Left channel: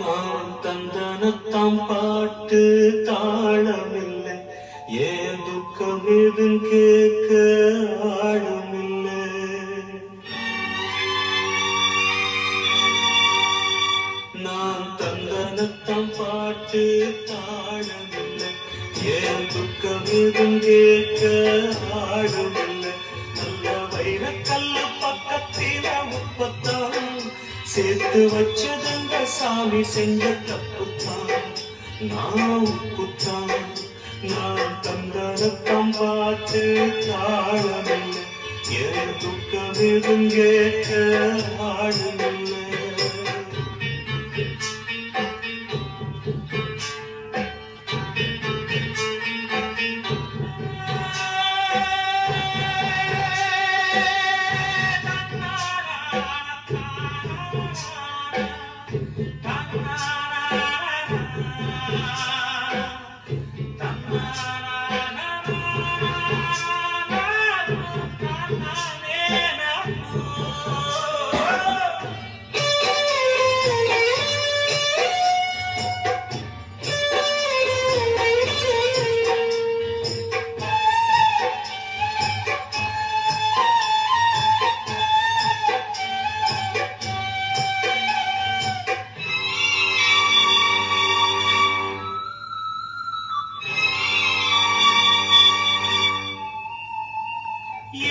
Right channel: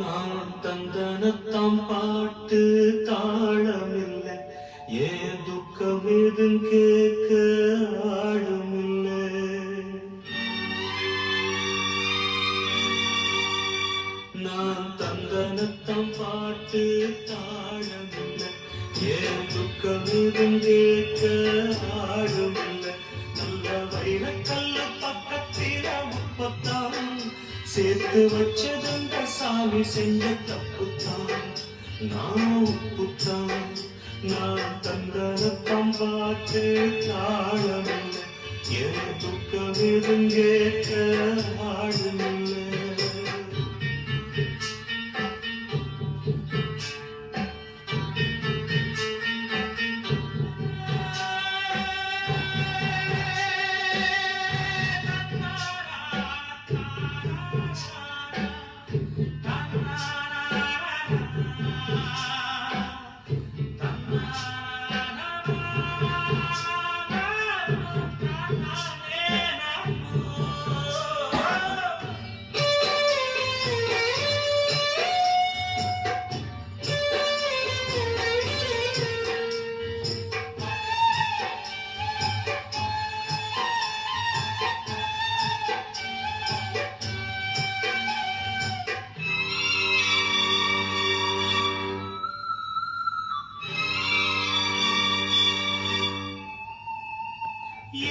நான் தந்தனத்தாம் பாட்டு தாளமில்லை, ஏன் துக்கம் எதும் கேட்க ஆழமில்லை. நான் தந்தனத்தாம் பாட்டு தாளமில்லை, ஏன் துக்கம் எதும் கேட்க ஆழமில்லை. நல்ல வைரக்கல்லு பக்கத்தில முப்பத்தான் சேர்த்து வச்சதங்க சாமி செஞ்ச தப்புத்தான். நான் உப்புத்தான், நான் தந்தனத்தாம் பாட்டு தாழமில்லை, என் துக்கம் எதும் கேட்க ஆழமில்லை.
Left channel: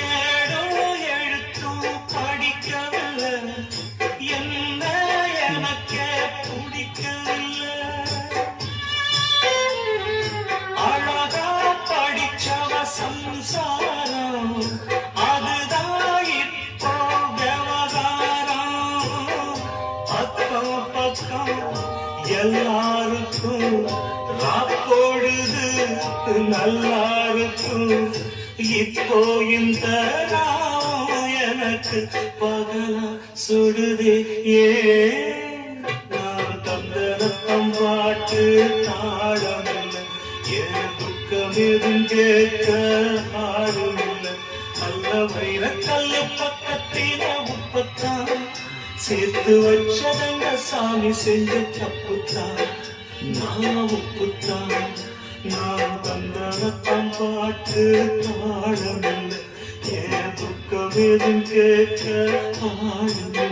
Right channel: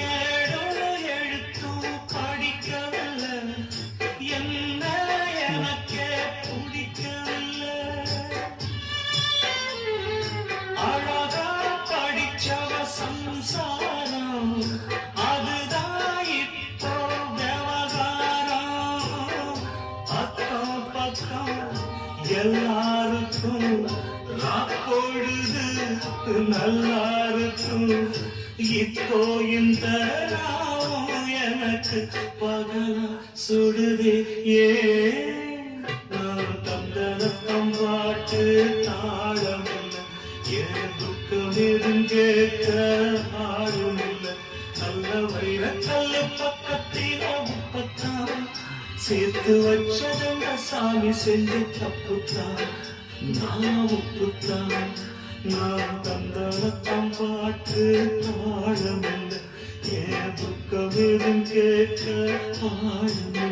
ஏழோ எழுத்தும் படிக்கவில்லை, என்ன எனக்கே பிடிக்கவில்லை. அழகா படிச்சவ சம்சாரம், அதுதான் இப்போ விவகாரம். பக்கம் பக்கம் எல்லாருக்கும் ராக்கோடுது, நல்லா இருக்கும். இப்போ இந்த நாமம் எனக்கு பகலா சுடுதே. ஏன் நான் தந்தனத்தாம் பாட்டு தாழமில்லை, என் துக்கம் எதும் கேட்க ஆளுமில்லை. நல்ல வைரக்கல்லு பக்கத்தில முப்பத்தான் சேர்த்து வச்சதங்க சாமி செஞ்ச தப்புத்தான். நான் உப்புத்தான், நான் தந்தனத்தாம் பாட்டு தாழமில்லை, என் துக்கம் எதும் கேட்க ஆழமில்லை.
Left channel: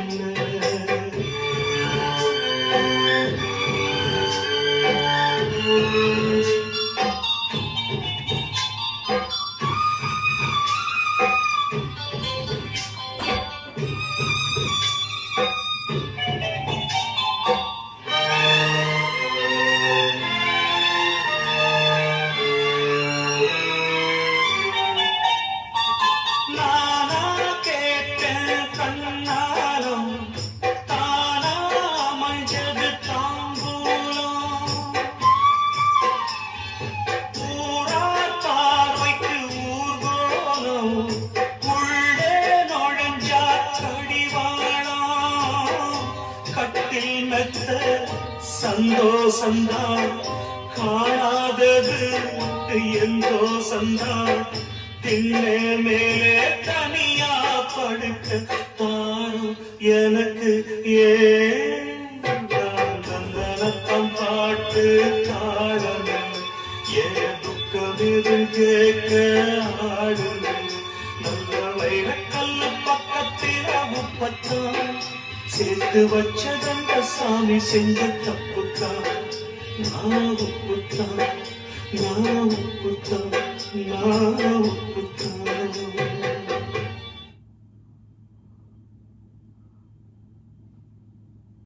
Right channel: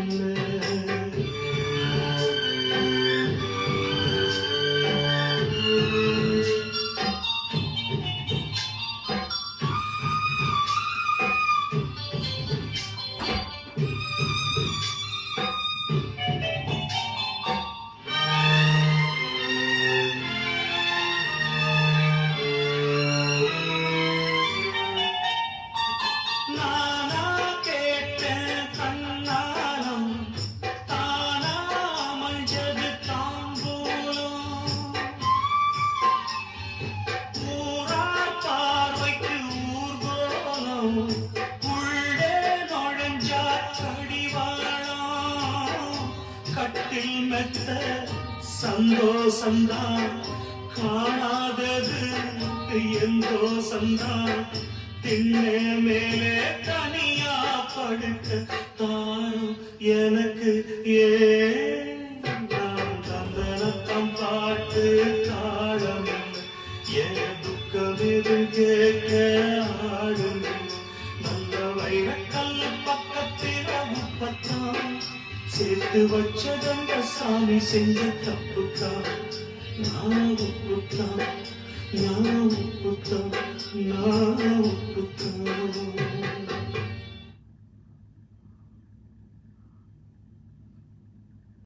சந்தோஷந்தான் காணாதது எந்தோ சந்தான். திண்ணே மேலே தனியா படுக்க தாரும் எனக்கு. ஏன் தந்தனத்தாம் பாட்டு தாழமில்லை, என் துக்கம் எதும் கேட்க ஆளுமில்லை. நல்ல வைரக்கல்லு பக்கத்தில முப்பத்தான் சேர்த்து வச்சதங்க சாமி செஞ்ச தப்புத்தான். நான் உப்புத்தான், நான் உப்புத்தான், நான் உப்புத்தான்.